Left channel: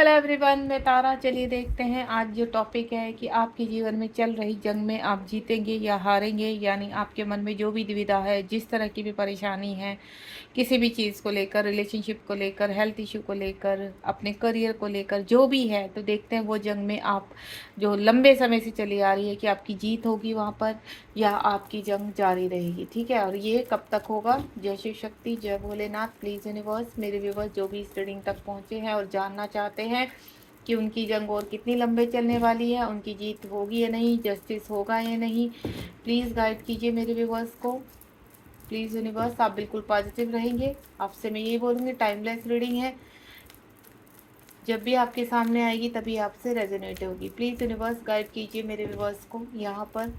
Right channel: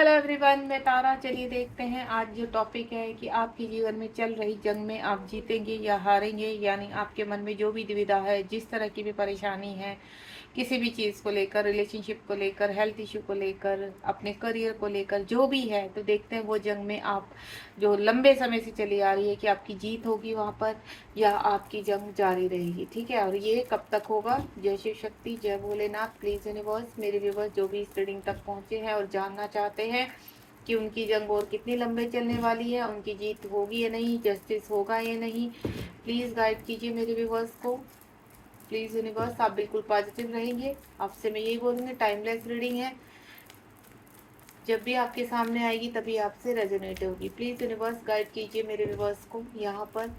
Hello everyone, मैं तारा। चलिए देखते हैं आज जो टॉपिक है कि आपके जीवन में चल रही जंग में आप जीतेंगे या हारेंगे। यानी आपके मन में जो भी दुविधा है, जिस तरह की भी परेशानी है, किसी भी चीज़ को लेकर, रिलेशनशिप को लेकर, हेल्थ इशू को लेकर, अपने करियर को लेकर, जो भी है, तो देखते हैं वो जंग में आप जो लंबे समय से चली आ रही है कि आपकी जीत होगी वहाँ पर या आपकी जंग जारी रहेगी। ठीक है, और ये कब तक होगा? जय शिव शक्ति, जय भोलेनाथ। प्लीज़ यूनिवर्स, मेरे व्यूवर्स जो भी इस रीडिंग तक पहुँचे हैं और जानना चाहते हैं कि उनकी जंग और कितनी लंबे चलने वाली है, उनकी जीत होगी या नहीं, जस्टिस होगा या नहीं, प्लीज़ गाइड कीजिए मेरे व्यूवर्स को। प्लीज़ यूनिवर्स, आप बिल्कुल पॉजिटिव रहेंगे। आपसे मैं यही बोलूँगी, टाइमलेस रीडिंग है, जब भी आपके सामने आएगी तभी आपसे रेजोनेट होगी। प्लीज़ यूनिवर्स गाइड कीजिए मेरे व्यूवर्स को। यहाँ पर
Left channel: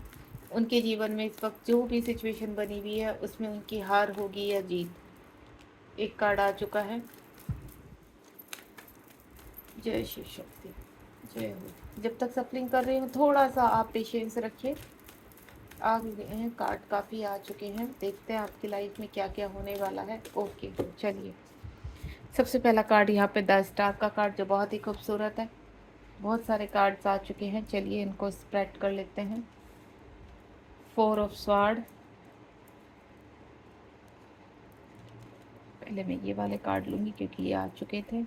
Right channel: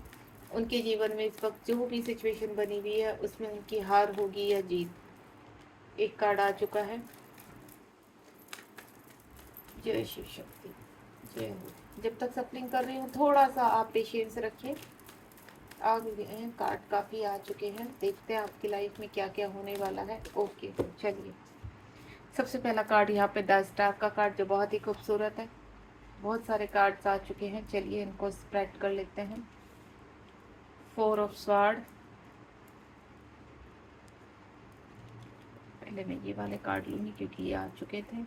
उनके जीवन में इस वक्त जो भी सिचुएशन बनी हुई है उसमें उनकी हार होगी या जीत। एक कार्ड आ चुका है। जय शिव शक्ति, जय हो। जब तक सफलिंग कर रही हूँ थोड़ा सा आप पेशेंस रखिए। आ गए हैं कार्ड, काफ़ी आ चुके हैं। देखते हैं आपकी लाइफ में क्या क्या होने वाला है। ओके, चलिए सबसे पहला कार्ड यहाँ पे 10 स्टार का कार्ड, जो बहुत ही खूबसूरत है। बहुत सारे कार्ड्स आ चुके हैं, चलिए इनको स्प्रेड कर लेते हैं। 4 ऑफ स्वॉर्ड। पहले मैं ये वाले कार्ड लूँगी क्योंकि ये आ चुके थे।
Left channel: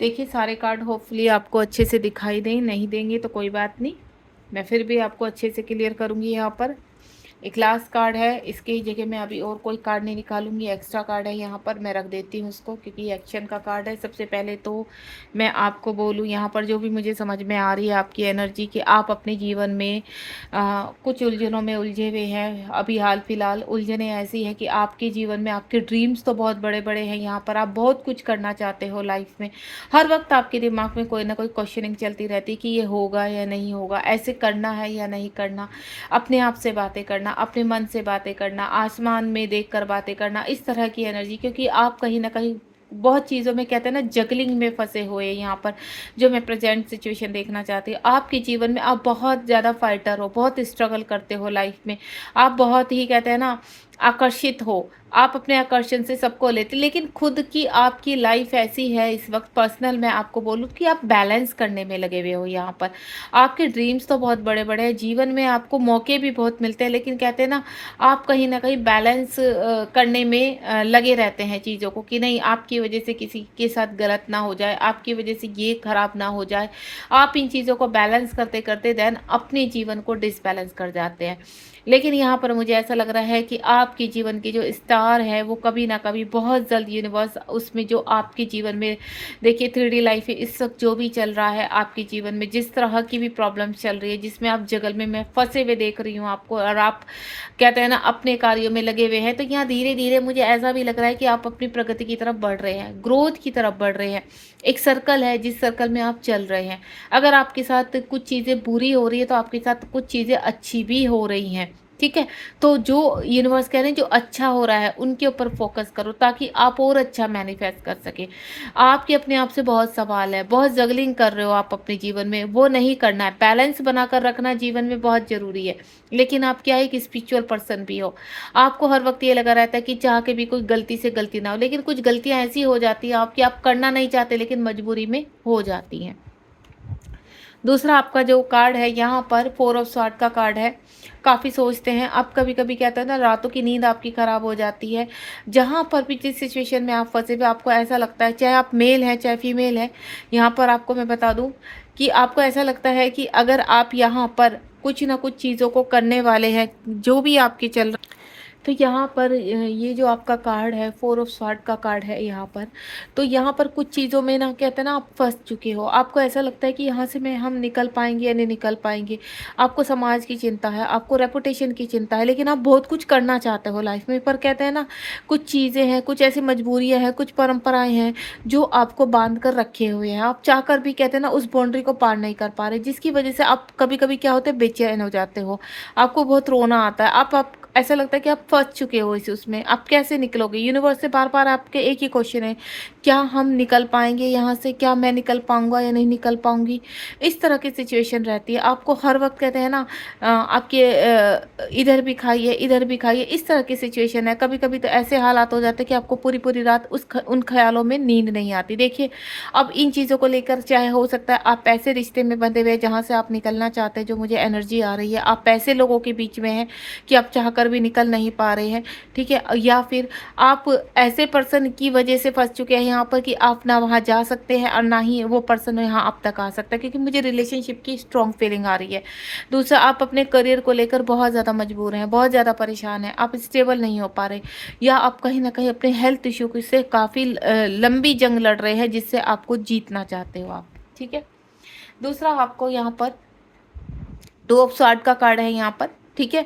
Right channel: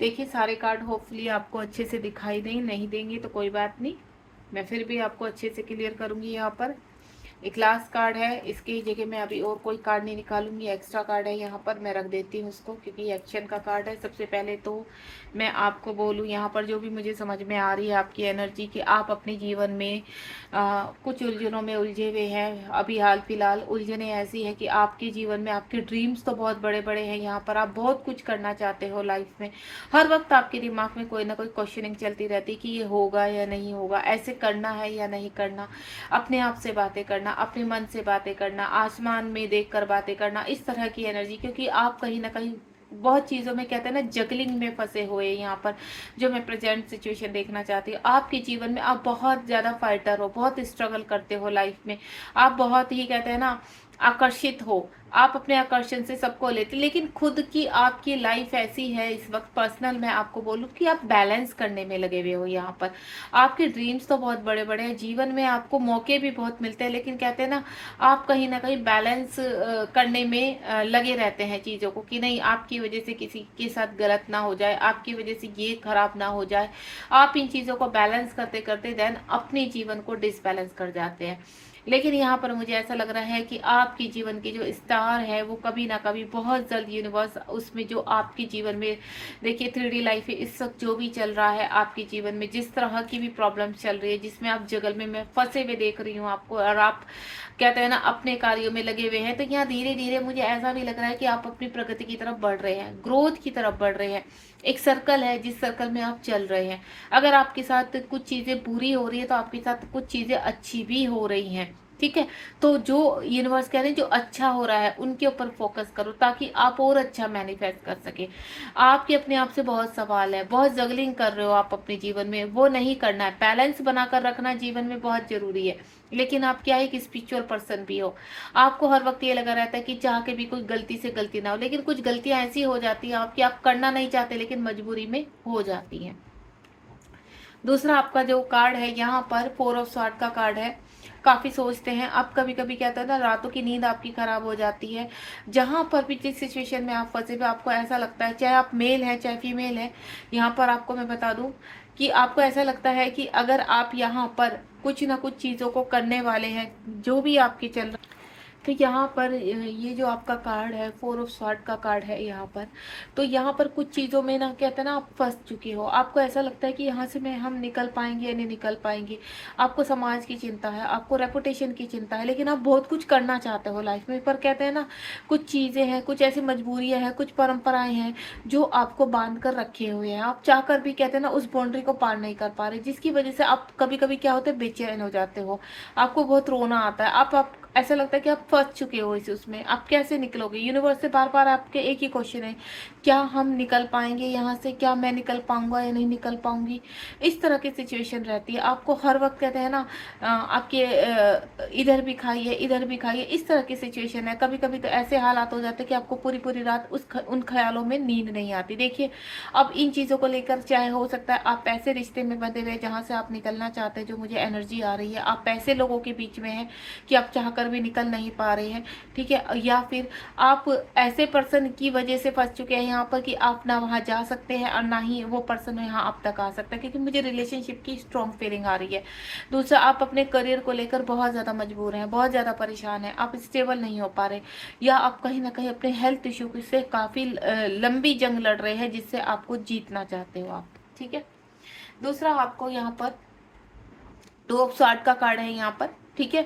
देखिए सारे कार्ड होपफुली आपको अच्छे से दिखाई दें, नहीं देंगे तो कोई बात नहीं, मैं फिर भी आपको अच्छे से क्लियर करूँगी। यहाँ पर एक लास्ट कार्ड है, इसकी जगह मैं अभी और कोई कार्ड नहीं निकालूंगी। एक्स्ट्रा कार्ड है यहाँ पर, मैं रख देती हूँ उसको क्योंकि एक्शन का कार्ड है। सबसे पहले तो मैं आपको बोलूँ यहाँ पर जो भी मुझे समझ में आ रही है आपकी एनर्जी कि आप अपने जीवन में कुछ उलझनों में उलझे हुए हैं। अभी हाल फिलहाल उलझने ऐसी है कि आपके जीवन में आपके ड्रीम्स तो बहुत बड़े बड़े हैं। यहाँ पर आप बहुत कुछ करना चाहते हो लाइफ में। हर वक्त आपके दिमाग में कोई ना कोई क्वेश्चनिंग चलती रहती कि ये होगा या नहीं होगा, ऐसे करना है या नहीं करना, अपने आप से बातें करना, अपने मन से बातें करना, आसमान में देखकर बातें करना, इस तरह की एनर्जी। क्योंकि आप कहीं ना कहीं बहुत चीज़ों में कहते हैं ना जगलिंग में फंसे हुए हैं। यहाँ पर जो मैं प्रेजेंट सिचुएशन देखना चाहती हूँ आपके जीवन में, आप बहुत ज़्यादा फाइटर हो, बहुत स्ट्रगल करते हो लाइफ में। आप बहुत ही कहते हैं ना आकर्षित हो, आप अपने आकर्षण से सबको लेते, लेकिन खुद की आपकी लाइफ ऐसी है इस वक्त पर्सनल मैं आपको बोलूँ कि आप बैलेंस करने में लगे हुए हो। यहाँ पर आपके ड्रीम्स तो बहुत बड़े बड़े हैं, जीवन में आपको मौके भी बहुत मिलते हैं, लेकिन कहते हैं ना कहीं बैलेंस करने में लगे रहते हैं चीज़ों को कि नहीं आपकी वजह से किसी के साथ गलत ना हो जाए, आपकी वजह से ये खराब ना हो जाए। आप इन चीज़ों को बैलेंस करते करते देन अपने जीवन को डिसबैलेंस कर जाते हैं। लेकिन यहाँ पर मुझे ऐसा लग रहा है कि आपके जीवन की जो स्टार है वो कभी ना कभी बहुत जल्द यूनिवर्स उसमें जो आपके जीवन में देखिए 3D लाइफ है इस वक्त, जो भी चल रहा है आपके जीवन में, जिस तरह की भी प्रॉब्लम्स चल रही है, जिसमें आप जगल में मैं फंसे हुए देख रही हूँ आपको, और आप कहते हैं ना अपने कार्यों में लगे हुए हैं, तो यहाँ धीरे धीरे मुझे ऐसा भी लग रहा है कि आप अपनी प्रगति की तरफ बढ़ रहे हैं, ग्रोथ की तरफ बढ़ रहे हैं। एक सर्कल है जिस सर्कल में आप चल रहे हैं। अगर आपके साथ कुछ चीज़ें बुरी हो रही है तो आपके साथ कुछ चीज़ें अच्छी भी हो रही हैं। ठीक है, तो जो यूनिवर्स कह रहे हैं जो अच्छा हो रहा है उनके ऊपर फोकस करो ताकि आप और अच्छा मैनिफेस्ट कर सके। आपके अपने आप से बहुत सवाल है, बहुत जगलिंग कर रहे हो आप अपने जीवन में, वो नहीं करना है। बैलेंस बनाकर रखना जीवन में बहुत जरूरी है। लेकिन आप क्या एक स्पिरिचुअल पर्सन भी हो, आपको हर वक्त ये लगा रहता है कि चाह के भी कोई गलती से गलती ना हो, लेकिन कुछ गलतियां ऐसी हो जाती हैं आपकी, आप करना नहीं चाहते लेकिन मजबूरी में हो जाती हैं। दूसरा आपका जो कार्ड है यहाँ पर 4 ऑफ स्वॉर्ड का कार्ड है। काफ़ी सोचते हैं आप, कभी कभी क्या होता है ना रातों की नींद आपकी ख़राब हो जाती है। जहाँ पर भी जिस सिचुएशन में आप फंसे हुए आपको ऐसा लगता है, चाहे आप मेल हैं चाहे फीमेल है, यहाँ पर आपको मैं बता दूँ कि आपको ऐसा लगता है कि अगर आप यहाँ पर कुछ ना कुछ चीज़ों को करने वाले हैं, जो भी आपकी चल तो यहाँ पर ये जो आपका कार्ड है, 4 ऑफ स्वॉर्ड का कार्ड है यहाँ पर। तो यहाँ पर कुछ चीज़ों में ना कहते हैं ना, आप फंस चुके हो। आपको ऐसा लगता है कि यहाँ से हम निकल पाएंगे या नहीं निकल पाएंगे। आपको समाज की चिंता है, आपको रेपुटेशन की चिंता है, लेकिन आप बहुत कुछ करना चाहते हो लाइफ में, पर कहते हैं ना कुछ चीज़ें हैं, कुछ ऐसी मजबूरियाँ हैं, कुछ परंपराएं हैं जो आपको बांध कर रखे हुए हैं। आप चाहकर भी कहते हैं ना उस बाउंड्री को पार नहीं कर पा रहे, जिसकी वजह से आप कभी कभी क्या होते हैं, बेचैन हो जाते हो। आपको बहुत रोना आता है। आप ऐसा लगता है कि आप फंस चुके हो इस उसमें, आप कैसे निकलोगे। यूनिवर्स से बार बार आपके एक ही क्वेश्चन है, क्या हम निकल पाएंगे यहाँ से, क्या मैं निकल पाऊंगा या नहीं निकल पाऊंगी। इस तरह की सिचुएशन रहती है। आपको हर वक्त कहते हैं ना आपके इधर भी खाइए इधर भी खाइए, इस तरह की सिचुएशन है। कभी कभी तो ऐसे हालात हो जाते हैं कि आपको पूरी पूरी रात उन ख्यालों में नींद नहीं आती। देखिए, अब इन चीज़ों को लेकर चाहे हो सकता है आप ऐसे रिश्ते में बंधे हुए जहाँ से आप निकलना चाहते हैं, जो मुझे एनर्जी आ रही है, आप ऐसे लोगों के बीच में हैं कि आप चाहकर भी निकल नहीं पा रहे हैं, ठीक है। या फिर आप ऐसे पर्सन की वजह से फंस चुके हैं यहाँ पर कि आप ना वहाँ जा सकते हैं और ना ही वो पर्सन यहाँ आप तक आ सकता है, क्योंकि मुझे रिलेशनशिप की स्ट्रॉन्ग फीलिंग आ रही है। दूसरा, आप अपने करियर को लेकर बहुत ज़्यादा मजबूर हैं, बहुत ज़्यादा परेशान हैं, आप स्टेबल नहीं हो पा रहे, या आप कहीं ना कहीं अपने हेल्थ इशू से काफ़ी लंबी जंग लड़ रहे हैं, जिससे आपको जीतना चाहते हो आप, ठीक है। दूसरा, आपको यहाँ पर 2 ऑफ स्वॉर्ड का कार्ड है यहाँ पर, ठीक है।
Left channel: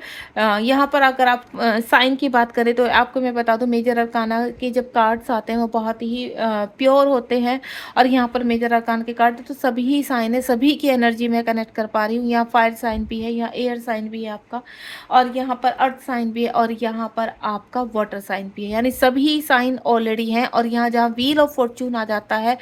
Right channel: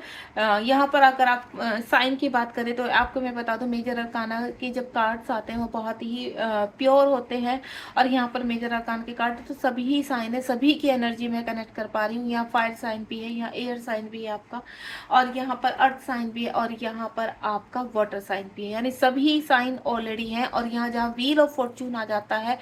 यहाँ पर अगर आप साइन की बात करें तो आपको मैं बता दूं, मेजर अरकाना के जब कार्ड्स आते हैं वो बहुत ही प्योर होते हैं। और यहाँ पर मेजर अरकान के कार्ड तो सभी ही साइन है, सभी की एनर्जी मैं कनेक्ट कर पा रही हूँ। यहाँ फायर साइन भी है, यहाँ एयर साइन भी है आपका, और यहाँ पर अर्थ साइन भी है, और यहाँ पर आपका वाटर साइन भी है, यानी सभी साइन ऑलरेडी हैं। और यहाँ जहाँ व्हील ऑफ फॉर्चून आ जाता है,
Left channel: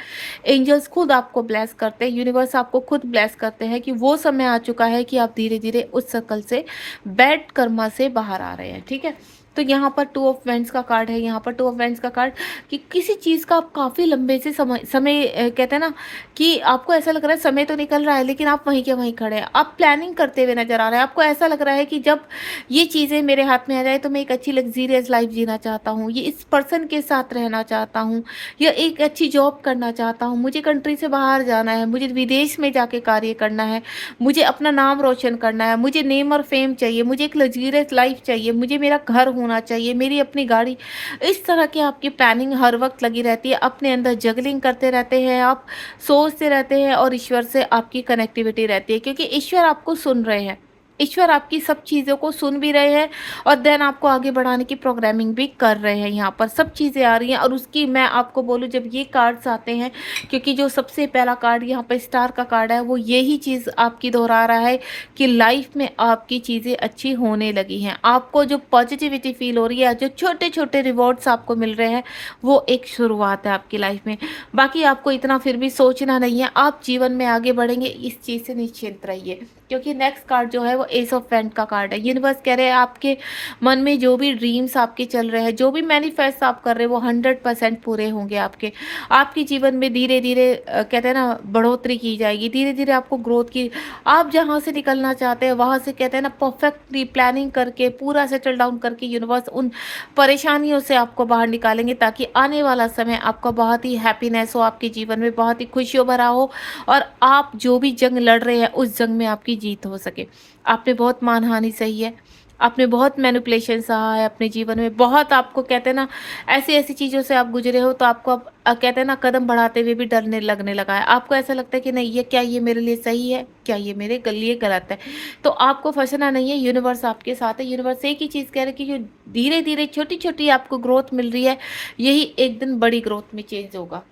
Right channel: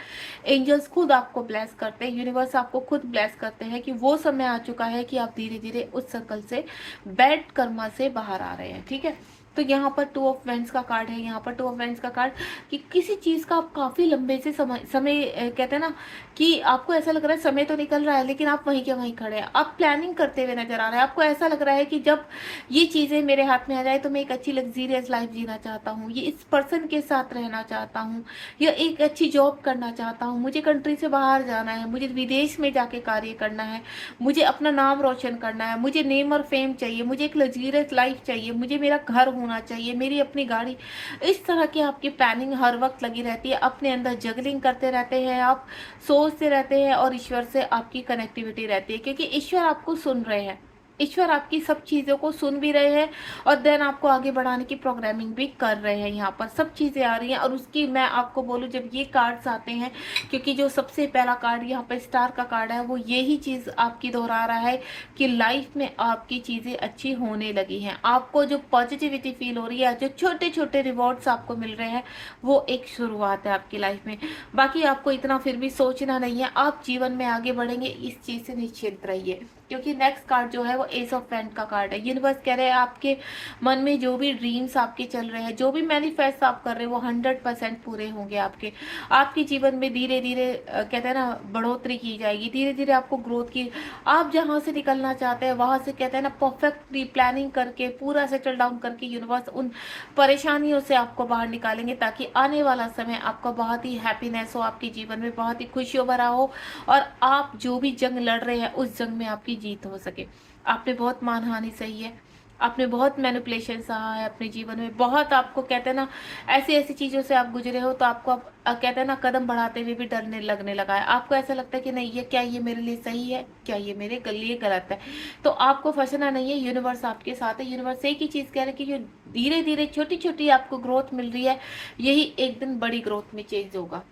एंजल्स खुद आपको ब्लेस करते हैं, यूनिवर्स आपको खुद ब्लेस करते हैं कि वो समय आ चुका है कि आप धीरे धीरे उस सर्कल से, बैड कर्मा से बाहर आ रहे हैं, ठीक है। तो यहाँ पर 2 ऑफ वेंट्स का कार्ड है, यहाँ पर 2 ऑफ वेंट्स का कार्ड कि किसी चीज़ का आप काफ़ी लंबे से समय कहते हैं ना कि आपको ऐसा लग रहा है समय तो निकल रहा है, लेकिन आप वहीं के वहीं खड़े हैं। आप प्लानिंग करते हुए नजर आ रहे हैं। आपको ऐसा लग रहा है कि जब ये चीज़ें मेरे हाथ में आ जाए तो मैं एक अच्छी लग्जीरियस लाइफ जीना चाहता हूँ, ये इस पर्सन के साथ रहना चाहता हूँ, या एक अच्छी जॉब करना चाहता हूँ, मुझे कंट्री से बाहर जाना है, मुझे विदेश में जाके कार्य करना है, मुझे अपना नाम रोशन करना है, मुझे नेम और फेम चाहिए, मुझे एक लग्जरियस लाइफ चाहिए, मुझे मेरा घर होना चाहिए, मेरी अपनी गाड़ी। इस तरह की आपकी प्लानिंग हर वक्त लगी रहती है। अपने अंदर जगलिंग करते रहते हैं, आप सोचते रहते हैं, और ईश्वर से आपकी कनेक्टिविटी रहती है, क्योंकि ईश्वर आपको सुन रहे हैं। ईश्वर आपकी सब चीज़ों को सुन भी रहे हैं, और देन आपको आगे बढ़ाने की प्रोग्रामिंग भी कर रहे हैं। यहाँ पर सब चीज़ें आ रही हैं। और उसकी मैं आपको बोलूँ, जब ये कार्ड्स आते हैं, क्योंकि जो सबसे पहला कार्ड यहाँ पर स्टार का कार्ड है, वो यही चीज़ आपकी दोहरा रहा है कि लाइफ में आपकी चीज़ें अच्छी होने लगी हैं। आपको जो पॉजिटिविटी फील हो रही है, जो छोटे छोटे रिवॉर्ड्स आपको मिल रहे हैं, वो एक शुरुआत है आपकी लाइफ में। बाकी आपको इतना फिर भी सोचना नहीं है, आप जीवन में आगे बढ़ेंगे, इस चीज़ से निश्चिंत रहिए। क्योंकि नेक्स्ट कार्ड जो है वो एस ऑफ पेंट का कार्ड है। यूनिवर्स कह रहे हैं आपके मन में जो भी ड्रीम्स आपके चल रहे हैं, जो भी मैनिफेस्ट आप कर रहे हैं, वो 100% पूरे होंगे आपके। आपके जीवन में धीरे धीरे कहते हैं ना बढ़ोतरी की जाएगी, धीरे धीरे आपको ग्रोथ की। आप जहाँ से निकलना चाहते हैं वहाँ से कहते हैं ना परफेक्टली प्लानिंग करके, पूरा सेटल डाउन करके यूनिवर्स उन परेशानियों से आपको बाहर निकालेंगे, ताकि आने वाला समय आपका बहुत ही हैप्पीनेस हो, आपके जीवन में बहुत ही खुशियों भरा हो, और आप जो भी जंग लड़ रहे हैं उस जंग में आपकी जीत हो सके। आपने बहुत मानहानि सही है, आपने बहुत मैनिपुलेशन सहा है अपने जीवन में, बहुत आपको कहते हैं ना ऐसी ऐसी चीज़ों से आप गुजरे हो, तो आपको अब कहते हैं ना कदम बढ़ाते हुए भी डरने लगने लगा है। आपको ऐसा लगता है कि नहीं, ये क्या, ये मेरे लिए सही है क्या, ये मेरे लिए गलत है। तो आपको फंसना नहीं है, यूनिवर्स आपके साथ है। यूनिवर्स एक ही चीज़ कह रहे हैं कि धीरे धीरे छोटी छोटी आपको ग्रोथ मिल रही है, यही एक दिन बड़ी ग्रोथ में चेंज होगा।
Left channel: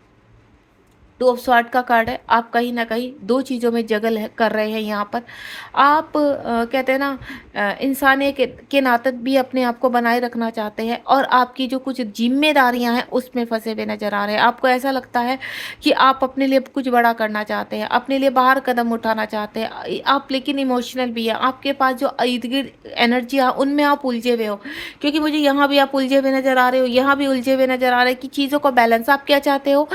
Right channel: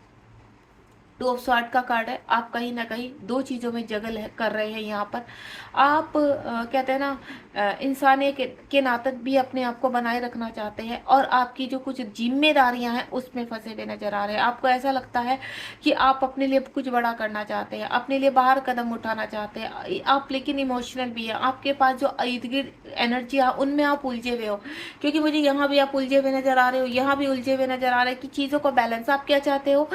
2 ऑफ स्वॉर्ड का कार्ड है। आप कहीं ना कहीं दो चीज़ों में जगल कर रहे हैं यहाँ पर। आप कहते हैं ना इंसानियत के नाते भी अपने आप को बनाए रखना चाहते हैं, और आपकी जो कुछ जिम्मेदारियां हैं उसमें फंसे हुए नजर आ रहे हैं। आपको ऐसा लगता है कि आप अपने लिए कुछ बड़ा करना चाहते हैं, अपने लिए बाहर कदम उठाना चाहते हैं आप, लेकिन इमोशनल भी है। आपके पास जो इर्द गिर्द एनर्जी है उनमें आप उलझे हुए हो, क्योंकि मुझे यहाँ भी आप उलझे हुए नजर आ रहे हो, यहाँ भी उलझे हुए नजर आ रहे हैं कि चीज़ों को बैलेंस। आप क्या चाहते हो,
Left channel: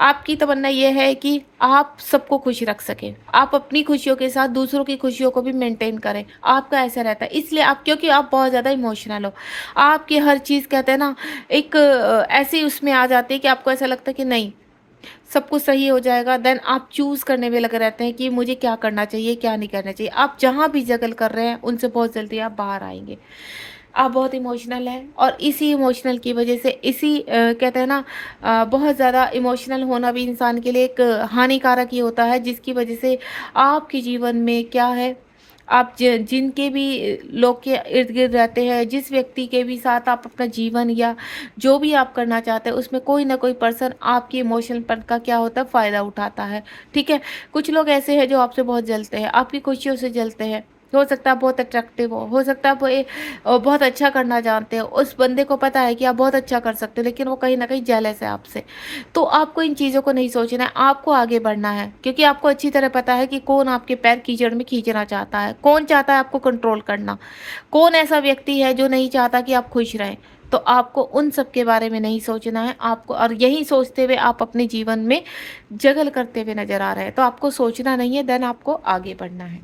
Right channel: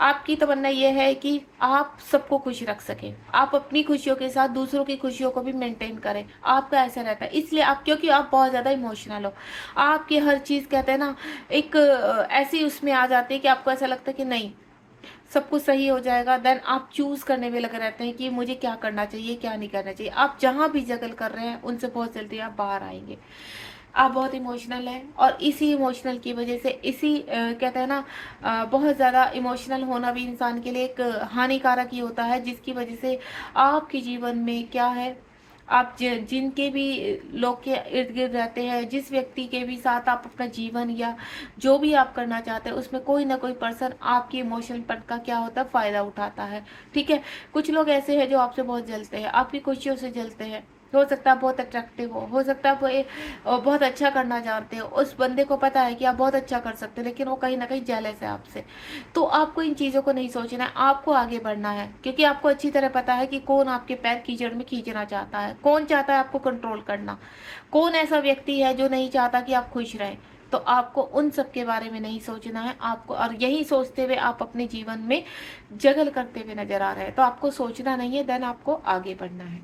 आपकी तमन्ना ये है कि आप सबको खुश रख सकें, आप अपनी खुशियों के साथ दूसरों की खुशियों को भी मेंटेन करें। आपका ऐसा रहता है, इसलिए आप, क्योंकि आप बहुत ज़्यादा इमोशनल हो, आपकी हर चीज़ कहते हैं ना एक ऐसी उसमें आ जाती है कि आपको ऐसा लगता है कि नहीं सब कुछ सही हो जाएगा। देन आप चूज करने में लगे रहते हैं कि मुझे क्या करना चाहिए क्या नहीं करना चाहिए। आप जहाँ भी जगल कर रहे हैं उनसे बहुत जल्दी आप बाहर आएंगे। आप बहुत इमोशनल हैं और इसी इमोशनल की वजह से इसी कहते हैं ना बहुत ज़्यादा इमोशनल होना भी इंसान के लिए एक हानिकारक ही होता है, जिसकी वजह से आपके जीवन में क्या है, आप जिनके भी लोग के इर्द गिर्द रहते हैं, जिस व्यक्ति के भी साथ आप अपना जीवन या जो भी आप करना चाहते हैं, उसमें कोई ना कोई पर्सन आपके इमोशनलपन का क्या होता है, फ़ायदा उठाता है। ठीक है, कुछ लोग ऐसे हैं जो आपसे बहुत जलते हैं, आपकी खुशियों से जलते हैं। हो सकता है बहुत अट्रैक्टिव हो सकता है वो बहुत अच्छा करना जानते हैं, उस बंदे को पता है कि आप बहुत अच्छा कर सकते हो, लेकिन वो कहीं ना कहीं जेलस है आपसे। तो आपको इन चीज़ों को नहीं सोचना है, आपको आगे बढ़ना है, क्योंकि आपको अच्छी तरह पता है कि कौन आपके पैर कीचड़ में खींचना चाहता है, कौन चाहता है आपको कंट्रोल करना, कौन ऐसा व्यक्ति है जो नहीं चाहता कि आप खुश रहें। तो आपको उन सब के बारे में नहीं सोचना है आपको, और यही सोचते हुए आप अपने जीवन में जगल करते हुए नजर आ रहे हैं, तो आपको सोचना नहीं है, देन आपको आगे बढ़ना है।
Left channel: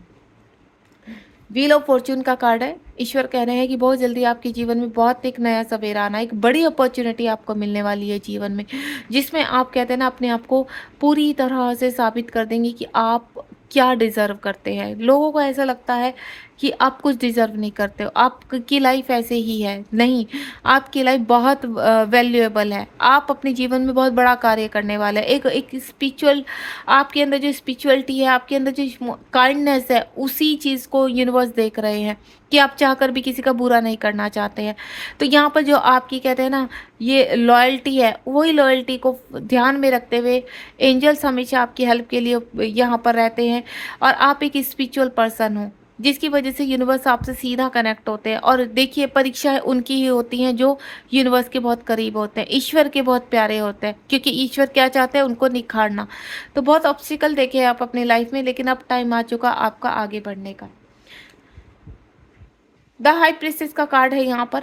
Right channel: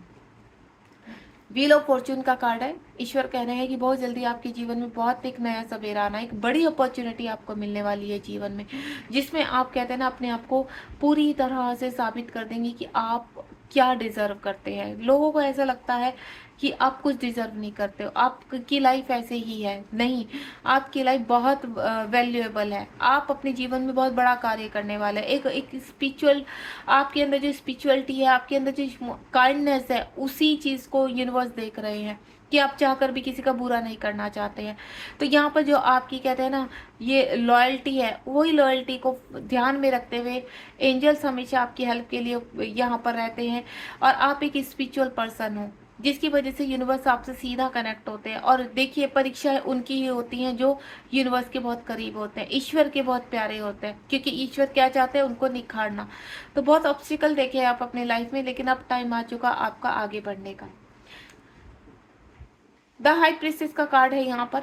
व्हील ऑफ फॉर्च्यून का कार्ड है। ईश्वर कह रहे हैं कि बहुत जल्दी आपके जीवन में बहुत एक नया सवेरा आना, एक बड़ी अपॉर्चुनिटी आपको मिलने वाली है जीवन में, जिसमें आप कहते हैं ना अपने आप को पूरी तरह से साबित कर देंगे कि आप क्या डिज़र्व करते हैं। लोगों को ऐसा लगता है कि आप कुछ डिज़र्व नहीं करते हो, आपकी लाइफ ऐसे ही है, नहीं, आपकी लाइफ बहुत वैल्यूएबल है। आप अपने जीवन में बहुत बड़ा कार्य करने वाले हैं। एक स्पिरिचुअल, आपके अंदर जो स्पिरिचुअलिटी है, आपके अंदर जो काइंडनेस है, उसी चीज़ को यूनिवर्स देख रहे हैं कि आप चाहकर भी किसी का बुरा नहीं करना चाहते हैं। तो यहाँ पर जो आपकी कहते हैं ना ये लॉयल्टी है, वही लॉयल्टी को ध्यान में रखते हुए एंजल्स हमेशा आपकी हेल्प के लिए यहाँ पर रहते हैं, और आप एक स्पिरिचुअल पर्सन हो, जिसकी वजह से यूनिवर्स आपसे सीधा कनेक्ट होते हैं। और देखिए, परीक्षाएं उनकी ही होती हैं जो यूनिवर्स के बहुत करीब होते हैं, ईश्वर के बहुत प्यारे होते हैं, क्योंकि ईश्वर क्या चाहते हैं, उनको निखारना। तो बहुत ऑब्स्टिकल देखे आप अपनी लाइफ में, लेकिन अब टाइम आ चुका आपका आगे बढ़ने का। द हाई प्रिंसेस का कार्ड है यहाँ पर।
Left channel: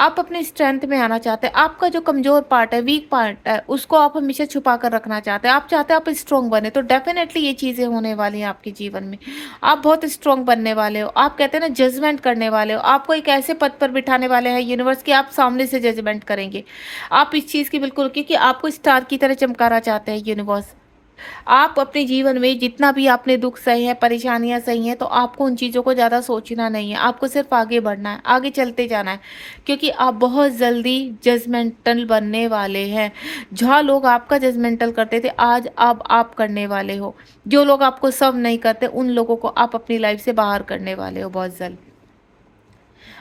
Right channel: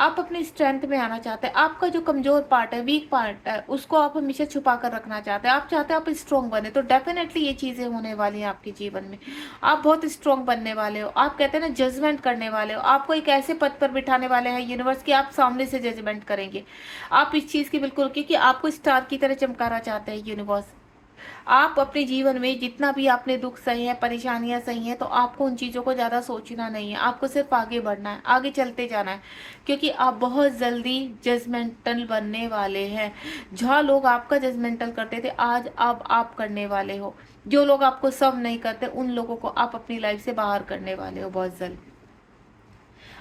आप अपने स्ट्रेंथ में आना चाहते हैं, आपका जो कमज़ोर पार्ट है, वीक पार्ट है, उसको आप हमेशा छुपा कर रखना चाहते हैं, आप चाहते हैं आप स्ट्रॉन्ग बने। तो डेफिनेटली ये चीज़ें होने वाली हैं आपके जीवन में, आप बहुत स्ट्रॉन्ग बनने वाले हो। आप कहते हैं ना जजमेंट करने वाले हो, आपको एक ऐसे पद पर बिठाने वाले हैं यूनिवर्स के, आप सामने से जजमेंट करेंगे। आप इस चीज़ की बिल्कुल, क्योंकि आपको स्टार की तरह चमकाना चाहते हैं यूनिवर्स। आप अपने जीवन में जितना भी आपने दुख सहे हैं, परेशानियां सही हैं, तो आपको उन चीज़ों को ज़्यादा सोचना नहीं है, आपको सिर्फ आगे बढ़ना है, आगे चलते जाना है, क्योंकि आप बहुत जल्दी जजमेंटल बनने वाले हैं। जहाँ लोग आपका जजमेंटल करते थे, आज अब आप करने वाले हो। जो लोग आपको सर्व नहीं करते, उन लोगों को आप अपनी लाइफ से बाहर करने वाले हो बहुत जल्द।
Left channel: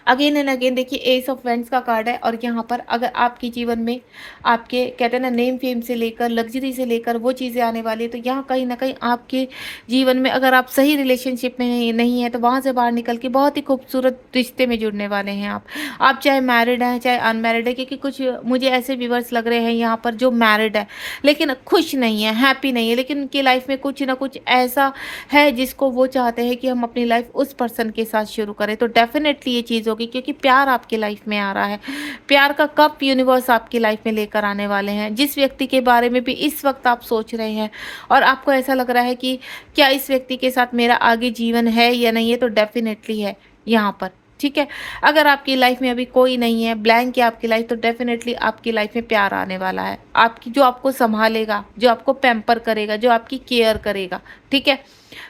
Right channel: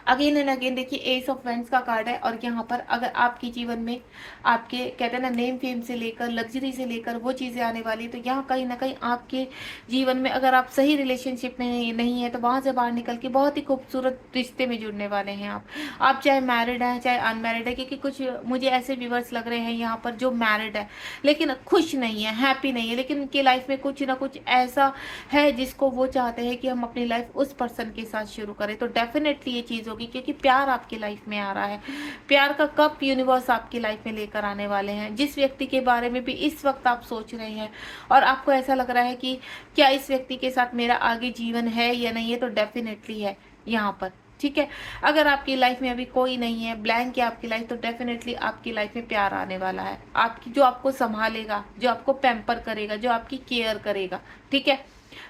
अगेन एंड अगेन देखिए, एस ऑफ वेंड्स का कार्ड है, और यहाँ पर अगर आपके जीवन में आपके कहते हैं ना नेम फेम से लेकर लग्जरी से लेकर वो चीज़ें आने वाली है, तो यहाँ कहीं ना कहीं आपके जीवन में अगर आप सही रिलेशनशिप में नहीं है, तो वहाँ से बाहर निकल के बहुत ही खूबसूरत रिश्ते में जुड़ने वाले हैं आप चाहे मैरिड हैं चाहे अनमैरिड है, क्योंकि कुछ मुझे ऐसे व्यूवर्स लग रहे हैं यहाँ पर जो मैरिड है लेकिन खुश नहीं है, हैप्पी नहीं है, लेकिन उनकी लाइफ में कुछ ना कुछ ऐसा है जिसको वो चाहते हैं कि हम अपनी लाइफ उस पर्सन के साथ शुरू करें। तो डेफिनेटली ये चीज़ होगी, क्योंकि प्यार आपकी लाइफ में आ रहा है, प्यार का कप यूनिवर्स आपकी लाइफ में लेकर आने वाले हैं। जिस व्यक्ति के बारे में भी इस वक्त आप सोच रहे हैं और आपको ऐसा लग रहा है कि क्या इस व्यक्ति के साथ मेरा आगे जीवन है या नहीं है, तो डेफिनेटली है यहाँ पर। ठीक है, अगर आपकी लाइफ में अभी कोई नहीं है, ब्लैंक है आपकी लाइफ, तो डेफिनेटली आपकी लाइफ में प्यार आने वाला है, आपकी जो आपको संभालेगा, जो आपको पैम्पर करेगा, जो आपकी केयर करेगा। ठीक है,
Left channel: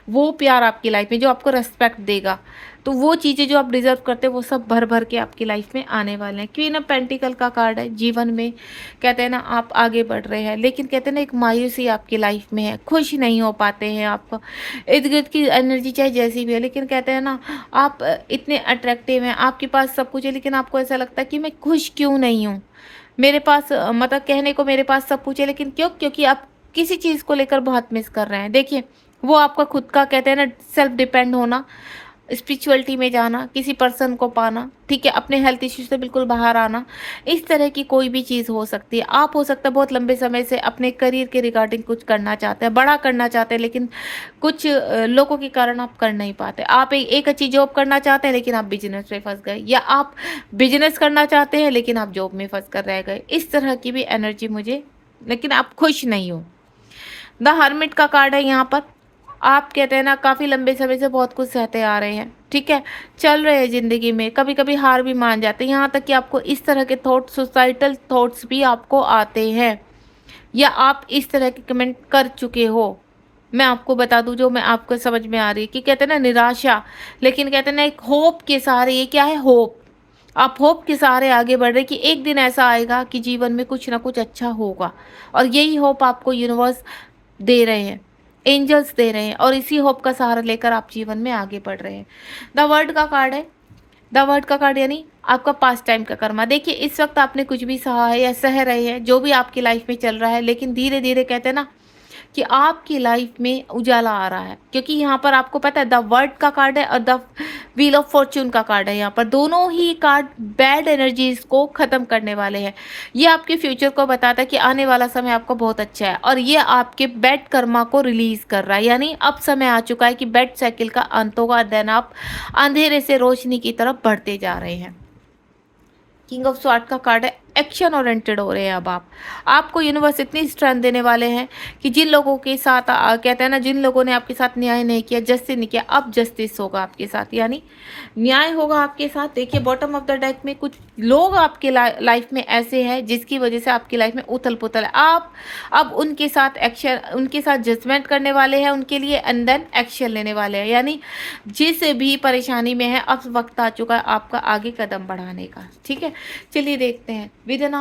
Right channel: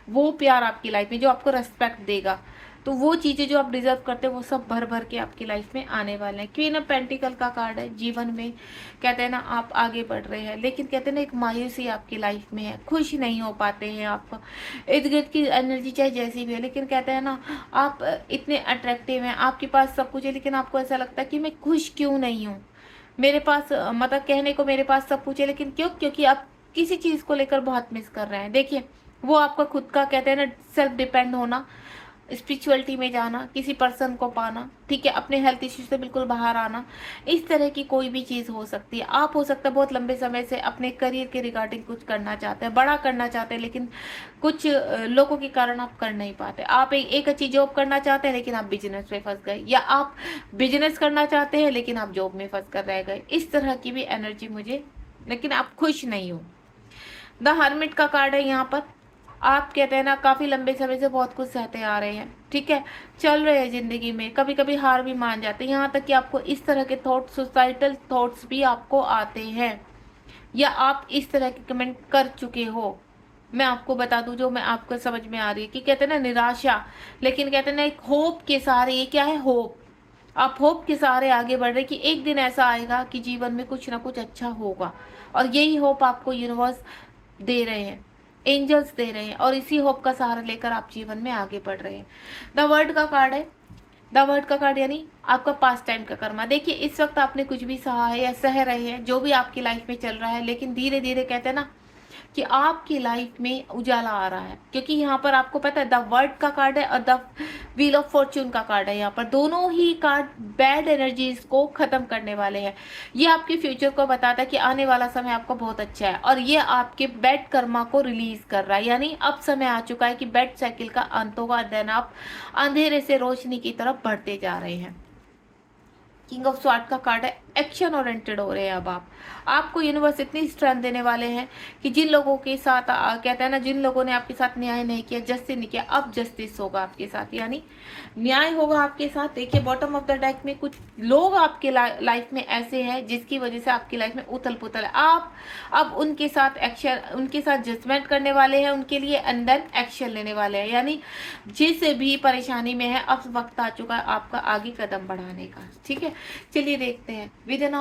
वो प्यार आपकी लाइफ में, जो आपको रेस्पेक्ट देगा, तो वो चीज़ें जो आप डिजर्व करते हैं वो सब भर भर के आपकी लाइफ में आने वाले हैं। क्वीन ऑफ पेंटिकल का कार्ड है। जीवन में कहते हैं ना आप आगे बढ़ रहे हैं, लेकिन कहते हैं ना एक मायूसी आपकी लाइफ में है, खुश नहीं हो पाते हैं आप। इर्द गिर्द की एनर्जी चाहे जैसी भी है, लेकिन कहते हैं ना आप इतने अट्रैक्टिव हैं, आपके पास सब कुछ है, लेकिन आपको ऐसा लगता है कि मैं खुश क्यों नहीं हूँ। मेरे पास मतलब कहने को मेरे पास सब कुछ है, लेकिन क्यों, क्योंकि आप किसी चीज़ को लेकर बहुत मिस कर रहे हैं। देखिए, वो आपका खुद का कहते हैं ना सेल्फ डिपेंड होना, स्पिरिचुअलिटी में जाना, किसी पर्सन को पाना, ठीक है, अपने हेल्थ इश्यू से बिल्कुल बाहर आना, इस तरह की कोई भी चीज़ हो सकती है। आप हो सकता है बहुत लंबे समय से अपने करियर के रिगार्डिंग कुछ करना चाहते हैं, बड़ा करना चाहते हैं, लेकिन कुछ लोगों के कारण आप कर नहीं पाते। आप एक अच्छी जॉब करना चाहते हैं, लेकिन आप बिजनेस में फंस गए, या आप बिजनेस करना चाहते हैं लेकिन आप जॉब में फंस कर रह गए। इस तरह की भी एनर्जी मुझे, लेकिन आप खुश नहीं हो। द हर्मिट का कार्ड है यहाँ पर। आप कहते हैं ना काफ़ी लंबे समय से बहुत कुछ सहते आ रहे हैं, ठीक है, चल रहे हैं ज़िंदगी में, कभी कभी हार भी मान जाते हैं, यहाँ तक कि आपको इस तरह के थॉट्स, सोसाइटल थॉट्स भी आपको आते हैं, या आप इस तरह के कमेंट कर चुके हो। मैं आपको बता दूं, जो मैं आपको समझ में आ रही है कि कहते हैं ना निराशा, लेकिन कहते हैं ना एक होप के सहारे, ये क्या है, होप, आप होप के सहारे आगे बढ़ रहे कि एक दिन ऐसा आएगा कि जीवन में कुछ ना कुछ अच्छा होगा, और यही होप आपको यूनिवर्स दे रहे हैं, एंजल्स दे रहे हैं, और इसी होप का सहारा लेकर आप जीवन में आगे बढ़ रहे हैं। द वर्ल्ड का कार्ड है। द वर्ल्ड का कार्ड यानी आपका पास्ट टाइम का कर्मा। देखिए, इस वक्त आपने कुछ भी सहा है या सह रहे हैं, जो भी आपकी लाइफ में चल रहा है, लेकिन धीरे धीरे कहते हैं ना कि आपकी लाइफ में उजाला आ रहा है, क्योंकि यहाँ पर आपको पता है द वर्ल्ड का कार्ड है और द व्हील ऑफ फॉर्च्यून का कार्ड है। यहाँ पर दोनों ही कार्ड बैड एनर्जीज को खत्म करने वाले हैं। ये आपके फ्यूचर को बताता है कि आने वाला समय आपका बहुत अच्छा है, और ये आपके बैड कर्मा को रिलीज कर रहा है, यानी अब समय आ चुका है कि बैड साइकिल का अंत होगा। देन आप अंधेरे से रोशनी की तरफ बढ़ते जा रहे हैं। किंग ऑफ स्वॉर्ड का कार्ड है। एक्शन ओरिएंटेड हो रहे हैं अब आप। आपको यूनिवर्स इतनी स्ट्रेंथ देने वाले हैं कि जिन लोगों के साथ कहते हैं ना, जिन लोगों ने आपके साथ न्याय नहीं किया, जस्टिस नहीं किया, अब जस्टिस होगा आपके साथ, यानी न्याय होगा आपके साथ। देखिए, बॉटम ऑफ द डेक में कुछ लोग आपके लाइफ में ऐसे हैं जिसकी वजह से आपकी लाइफ में उथल पुथल है। आप अब उनके साथ एक्शन, उनके साथ जजमेंट करने वाले हैं उनके लिए, एंड देन एक्शन लेने वाले हैं, यानी जिस भी परेशानी में है अब वक्त आ चुका है आपका आगे कदम बढ़ाने का। ठीक है, चलिए देखते हैं विद इन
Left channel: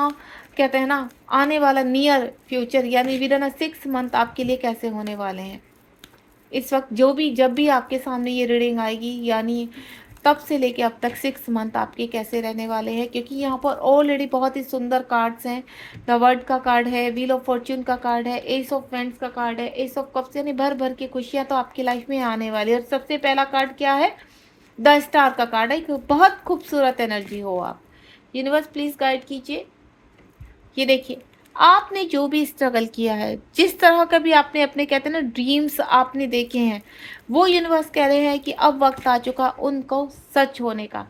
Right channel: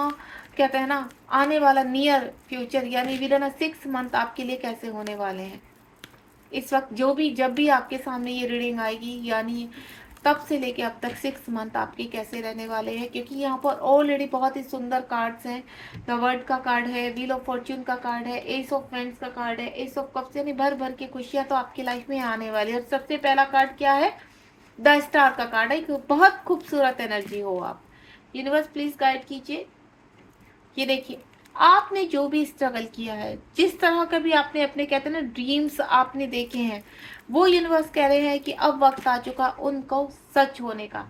कहते हैं ना आने वाला नियर फ्यूचर, यानी विद इन 6 मंथ आपके लिए कैसे होने वाले हैं। इस वक्त जब भी आपके सामने ये रीडिंग आएगी, यानी तब से लेके अब तक 6 मंथ आपके कैसे रहने वाले हैं, क्योंकि यहाँ पर ऑलरेडी बहुत ही सुंदर कार्ड्स हैं। द वर्ल्ड का कार्ड है, व्हील ऑफ फॉर्च्यून का कार्ड है, एस ऑफ पेंट्स का कार्ड है, एस ऑफ कप्स, यानी भर भर के खुशियाँ तो आपकी लाइफ में आने वाली है। और सबसे पहला कार्ड क्या है, द स्टार का कार्ड है। बहुत खूबसूरत एनर्जी हो आप। यूनिवर्स प्लीज गाइड कीजिए। ये देखिए, आपने जो भी स्ट्रगल किया है, जिस तरह का भी आपने अपने कहते हैं ना ड्रीम्स आपने देखे हैं, वो यूनिवर्स कह रहे हैं कि अब वक्त आ चुका उनको सच होने का,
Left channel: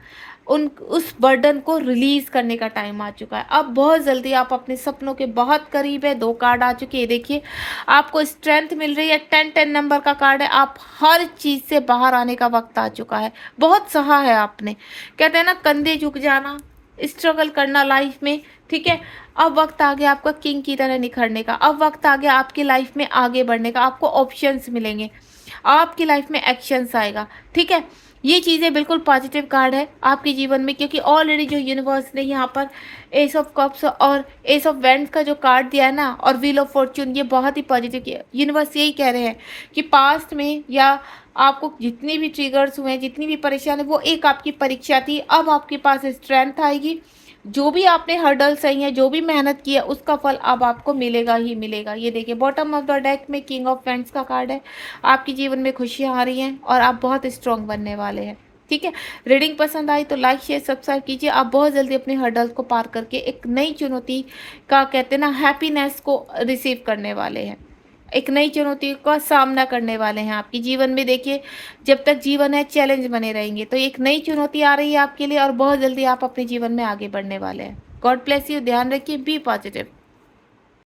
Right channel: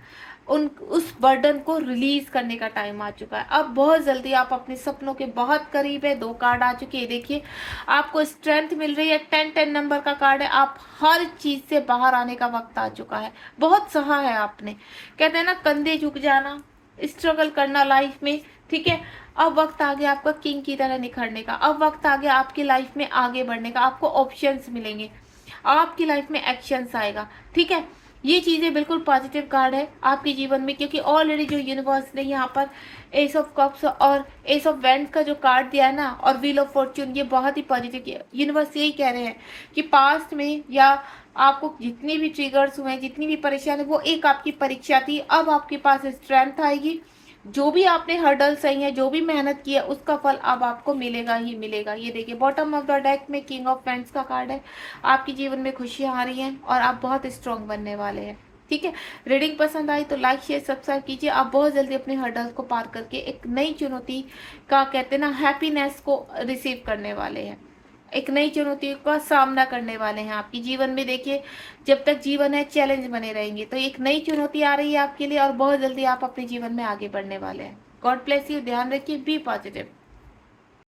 उन उस बर्डन को रिलीज करने का टाइम आ चुका है। अब बहुत जल्दी आप अपने सपनों के बहुत करीब है। 2 कार्ड आ चुके हैं, देखिए आपको स्ट्रेंथ मिल रही है। 10 नंबर का कार्ड है। आप हर चीज से बाहर आने का वक्त आ चुका है। बहुत सहा है आपने, कहते हैं ना कंधे झुक जाना, स्ट्रगल करना लाइफ में। ठीक है, अब वक्त आ गया आपका किंग की तरह निखरने का। अब वक्त आ गया आपकी लाइफ में आगे बढ़ने का। आपको ऑप्शंस मिलेंगे, आपकी लाइफ में एक्शंस आएगा। ठीक है, ये चीज़ें बिल्कुल पॉजिटिव कार्ड है आपके जीवन में, क्योंकि ऑलरेडी जो यूनिवर्स ने यहाँ पर एस ऑफ कप्स और एस ऑफ वैंड्स का जो कार्ड दिया है ना, और व्हील ऑफ फॉर्च्यून, ये बहुत ही पॉजिटिव किया। यूनिवर्स यही कह रहे हैं कि पास्ट में या आपको जितनी भी ट्रिगर्स हुए, जितनी भी परेशानी, वो एक आपकी परीक्षा थी। अब आपके पास स्ट्रेंथ आएगी। जो भी आपने हर्डल सही है, जो भी मेहनत की है, उसका फल अब आपको मिलेगा ही मिलेगा। ये देखिए, बॉटम ऑफ द डेक में किंग ऑफ पेंट्स का कार्ड है। आपके जीवन में खुशियाँ आ रही हैं और आप बहुत स्ट्रांग बनने वाले हैं। ठीक है, रीडिंग पसंद आई तो लाइक शेयर सब्सक्राइब कीजिए। आप बहुत जल्दी अपने हर्डल्स को पार करके एक नई चुनौती का कहते हैं ना हैप्पीनेस को रिसीव करने वाले हैं। एक नई चुनौती का सामना करने वाले हैं आपके जीवन में। देखिए, जब तक जीवन है चैलेंज बने रहेंगे, तो एक नई चुनौती आ रही है आपके लिए, और बहुत जल्दी आप अपने जीवन में आगे बढ़ने वाले हैं। गॉड ब्लेस यू, ध्यान रखिए, बी पॉजिटिव।